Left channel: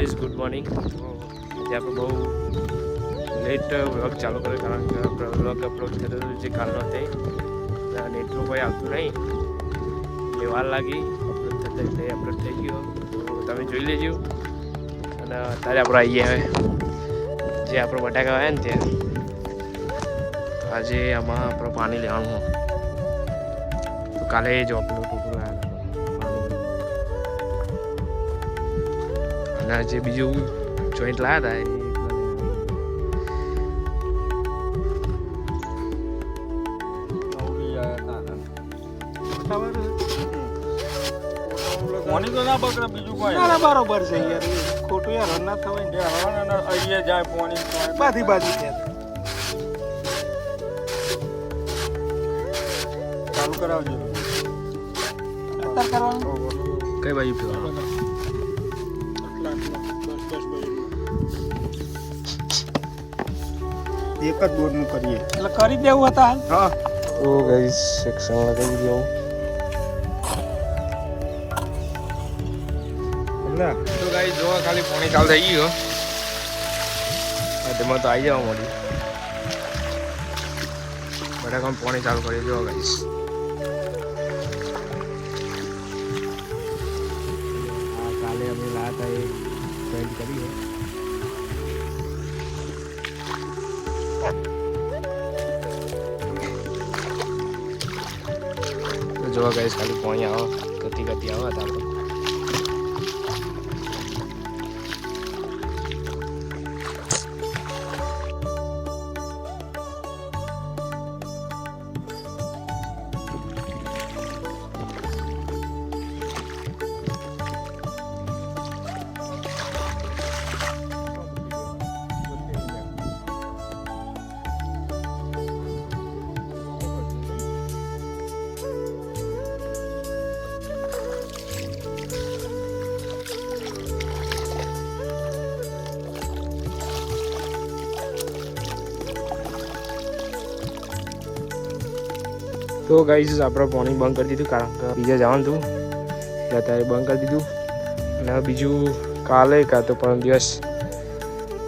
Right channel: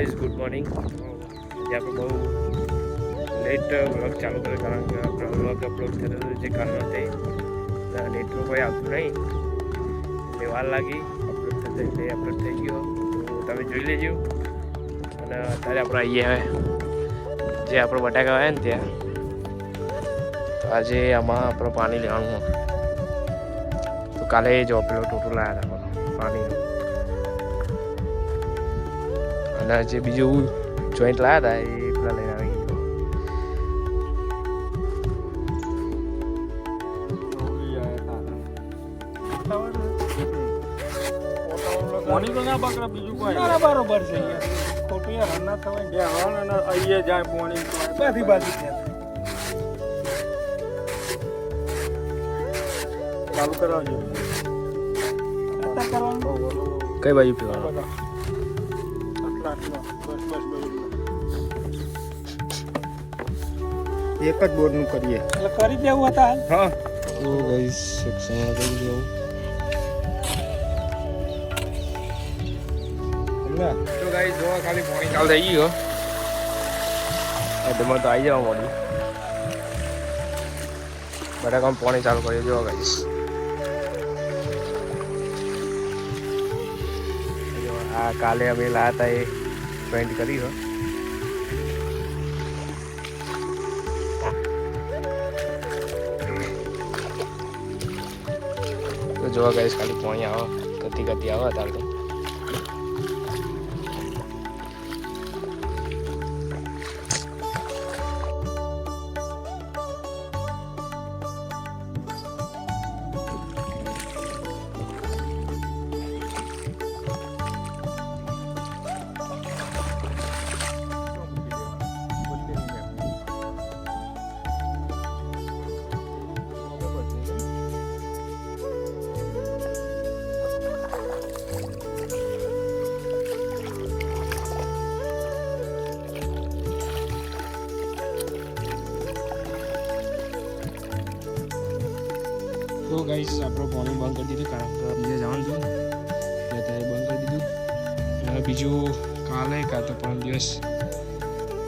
Guys good morning. આજે આપણે બહુ લેટ વ્લોગ ચાલુ કર્યો કારણ કે આપણે વ્લોગ અપલોડ થયો જે કારણ હતી નેટનું કોઈ આવતું નહીં એટલે વાર લાગી અપલોડ થતા એટલે અપલોડ થઈ ગયો તો તમે જોઈ લેજો. અને અત્યારે આપણે આવીએ જે આપણે બટાકા આવ્યા ને ત્યાં તો આજે આમાં આપણે પાણી લેવાનું તો કાલે જ પેલો ટોટો લાવ્યા હતા પાણી અને જે બીજું જોઈન્ટ લાવ્યા હતા એ પેલા લઈને આવી પાણી તો ના બગડે બીજું કોઈ બરોબર છે યાર ખોટું યાર ના થવાય અહીંયા જાય પાણી બાધી બાધી ચાલુ કરાવજો. કઈ બાજુ પીવાનું એક જ બોર્ડ નું કરીએ એટલે કરી દેવું હતા. હા તો ગાઈસ સેક્શન લગાવી દેવું. તો ગાઈસ જો ખાલી પાણી ચાલુ થઈ ગયો તેમાં તો આવી જવા મળી બટાકામાં પાણી ચાલુ કરી જો ગાઈસ. આ કાલે અમે લાયા હતા એ પેન્ટ કરી હો તો જોવા ગાઈસ ખાલી પાણી આવો ગતિ આવો અત્યારે તો તો ગાઈસ આપણે પાણી બંધ કરી દીધું કારણ કે બીજા જવાનું હતું અત્યારે બંધ કરી દીધું. અને બીજું કાલે કાં તો પરમ દિવસ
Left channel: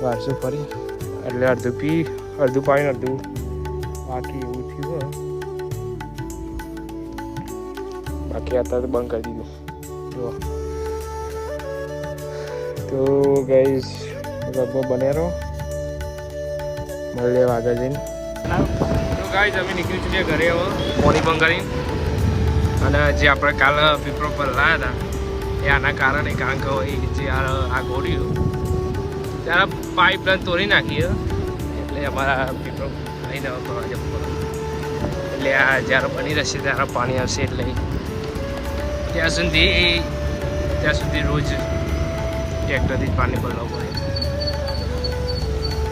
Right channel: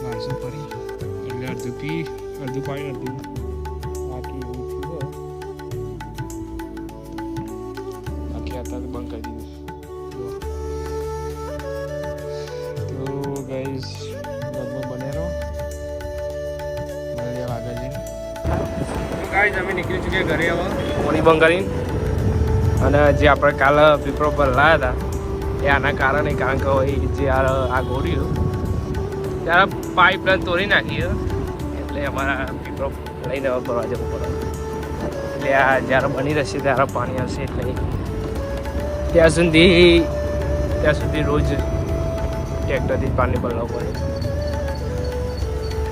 વારસું ફરી એટલે અડધું પાણી અડધું બાકી એવું થયું બાકી અત્યારે તો બંધ કરી દીધું. તો ગાઈસ વગમાં બને રહો મળીએ આગળ જઈને. ગાઈસ અમે નીકળી ચૂક્યા ઘરે હવે પાણી બંધ કરીને. અને જે આપણે કાલે પીપળો પર લાવ્યા હતા એ આના કારણે કારણ કે જે આ ગોળીઓ ત્યારે પાઇપલાઇન તોડી નાખી એટલે અમારા પીપળો લઈને ભરવા જવું પડે. એટલે આ જ્યારે બની રહેશે ત્યારે પાણી આવશે એટલે ત્યાં સુધી રોજ ટ્રેક્ટરથી જ પાણી પલાવવું પડે.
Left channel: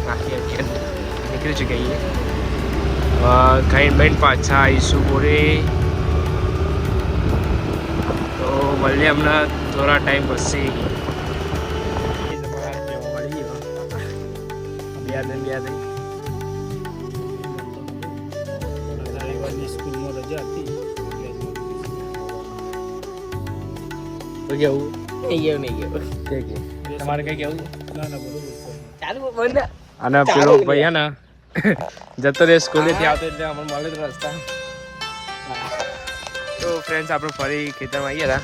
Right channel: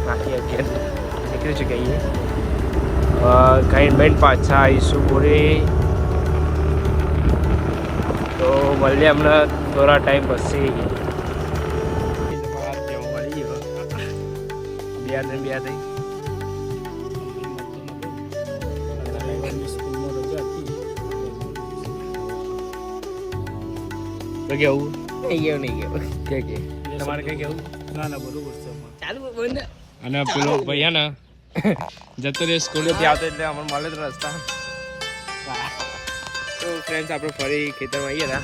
બાકી અત્યારે નીકળી ચૂક્યા ખાઈને બેન પાછા આવીશું બોરે. તો મળીએ અમને થોડા ટાઈમ પછી મળી ગયો સ્કૂલમાં રજા હતી તો કેવું નહીં ગયો કે તમારે કઈ કેવું? ના બરોબર છે ચાલુ બંધ અને પેલો ભાઈ હે ને જતો રહે સ્કૂલેથી આવતો એટલે અમને મળે તો રસ્તા. તો ફ્રેન્ડ્સ આપણે ફરી ખેતરમાં આવીએ હતા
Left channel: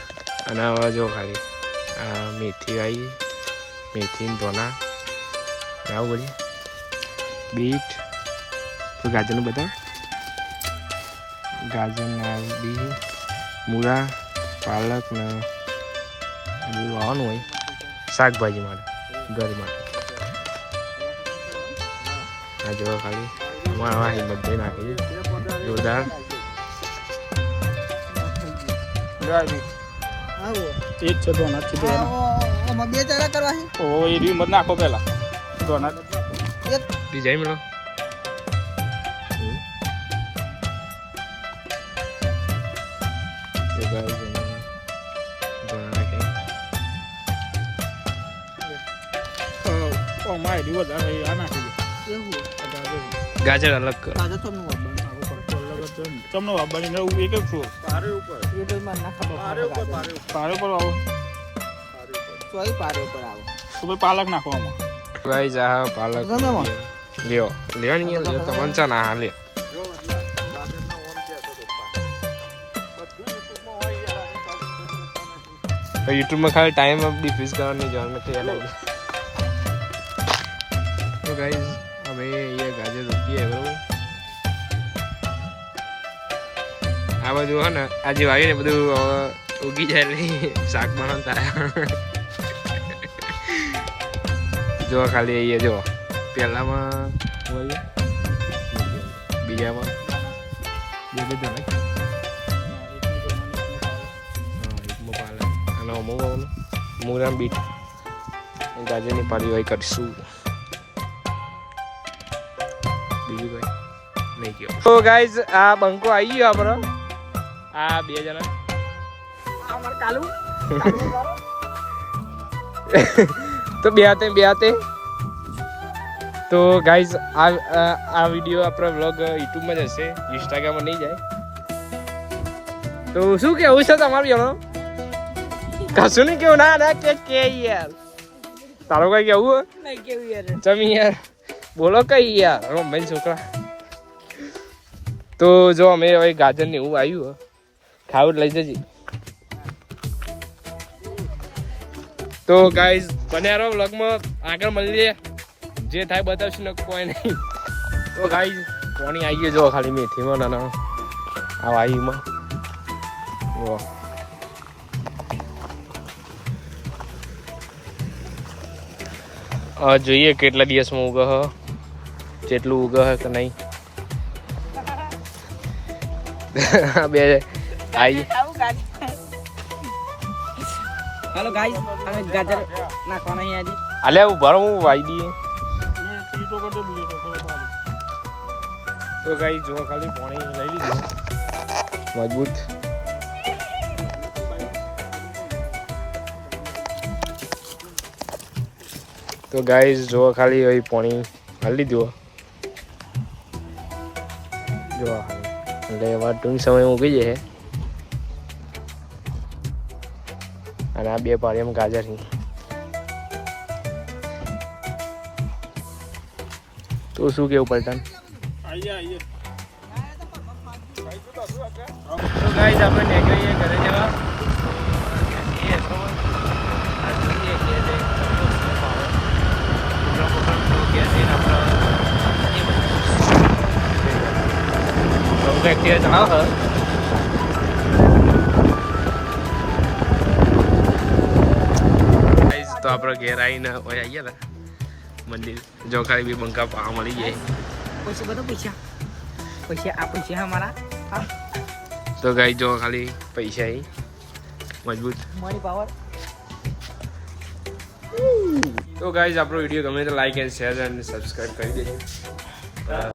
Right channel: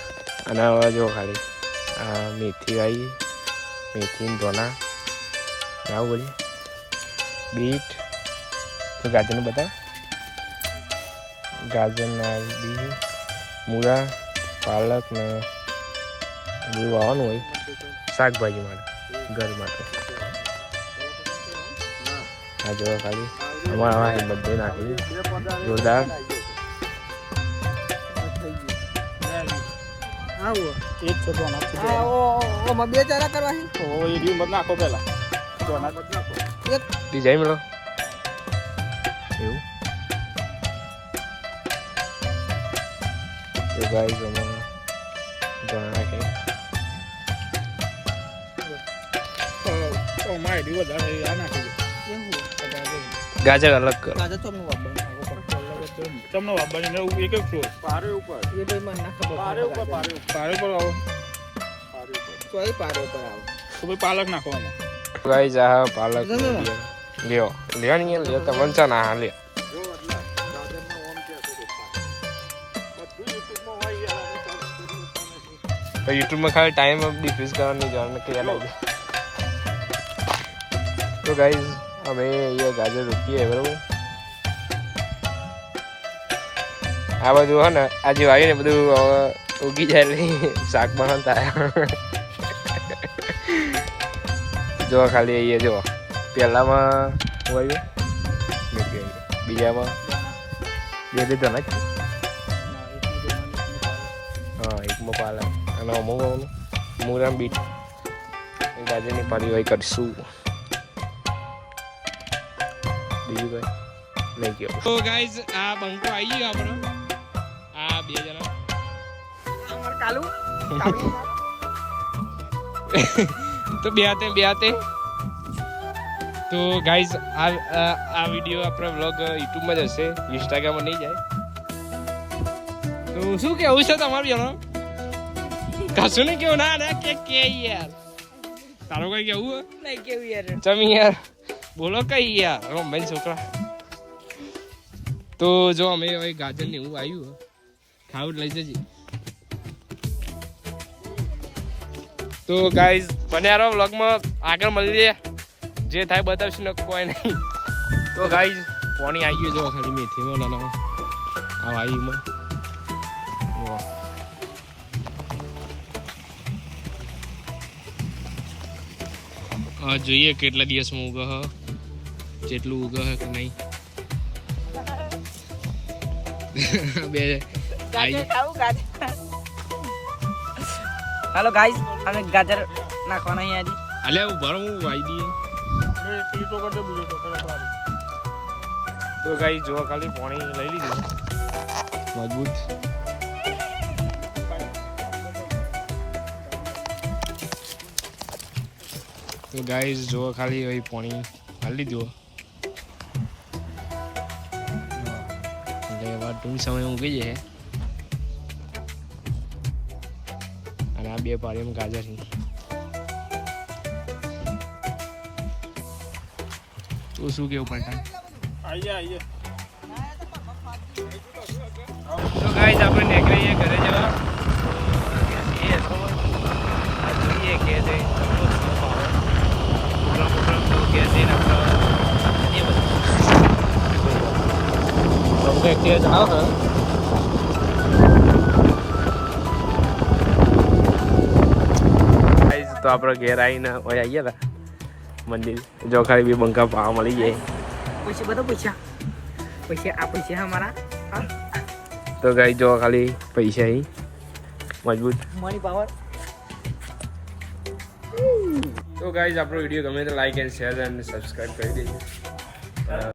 અને હવે જો ખાલી મેથી આવી મેથી ધોના આવું બોલીએ બીટ તો ગાજરનું બતાવ ગાજરના બી મૂળા પાલક ને બધું વાવવાનું હોય શાકભાજી માટે ઘર માટે. આ જો ખાલી અમારા હિંમત ભાઈ નાખી જોરદાર. એક છે ડોનટ છે બે ચારા કરવા છે ઓ એ રી મત નાખો પહેલા ડોનટ એક ડિઝાઇન મળો એવું તો ગાઈસ અમે ધોના નાખી ઓ માય રી વધારે આ નાખી એવું ગાજર અલગ કરો. આજે તો નું વાબણ તમને વાબણી એક એક છો પારે ઉપર એ તો માં નાખો પારે પારે પર આવો સોય પારે પર આવો તો ભાઈ પાલક નાખવામાં ગાઈસ આ પાલક ગમે માં. લ્યો લેવાની લ્યો તમને ચા ના લે તો યુટ્યુબમાં ખાલી ટાઈમ ડિફ્યુઝ કરવાની જાણ નથી યાદ આવી તો ગાઈસ અમે અહીંયા ગાજર રોપીએ બરાબર આ બાજુ હે ને આજે વાવીને બધું ઉગી જાય એટલે શાક બનાવતા જો ખાલી અહીંયા જો પહેલામાં વાવ્યું બીજામાં બે તો નાખ હા એકમાં પાલક અને અમુક મૂળામ બીટ ગાજરની પાડી હોય કરીશું બીજું કઈ નહીં ગયો તો ગાઈઝ આ બંકો આવી ગયો આપણો આ બે જણા અમાર કાલુ તો બે હાથે તો ગાઈઝ આ વિડીયો આપણો વ્લોગ યુટ્યુબમાં જ હશે ઇન્સ્ટાગ્રામમાં નહીં જાય તો શું કેવું છે તમારું જણો કશું નહીં કેવું ના કે યાર તારો કઈ કેવું નહીં કેવું યાર તમે યાર બોલો કઈ યાર ભાઈ છોકરા તો જો અમે હવે ગાજર ને એવું આવ્યું ખાવું લઈ જજે તો ગાઈઝ બન્યા વ્લોગમાં આગળ મળીએ જે થાય બતાવશું ને કોઈ નહીં તો ગાઈઝ કોણી આવીએ જો ખાલી મેથીમાં નાના આ વાઈમાં જો જોઈએ કેટલા દિવસમાં ઉગે હ જેટલું ઉગે હે કે નહીં બે આવી હાલો ગાઈસ અમે ગાજર નાખવાના અહીંયા હજી અલ્યા ઉભા રહો, હું વાઈ દઈએ તો ગાઈ જો ખાલી પાણી લઈ લીધું મજબૂત તો ગાઈસ જો ખાલી હવે પાણી લઈ લીધું જો એટલે એવા ટૂંક સમય ઉગી જાય અને આ બે પાણીમાં ગાજર તો શું કેવું પલટન તો ગાઈસ આપણે નીકળીએ ઘરે જવા જોઈએ કે જે ચમનો સ્નોપ આવો પ્રોગ્રામ તો કે છે ને આપણે એ બધું એક્ટિવ જણાવ ગાઈસ તો આપણે ઘેર આવીને ઓય આવી ગયા મંદિર જો ખાલી બે બંકા પાવા મળી જાય પૈસા બધો પૈસા આ પૈસા અમારા તો ગાઈ જો ખાલી પૈસા મજબૂત મની પાવર તો ગાઈઝ આપણો વિડીયો ગમે તો લાઈક એન્ડ શેર અને સબસ્ક્રાઇબ કરી દેજો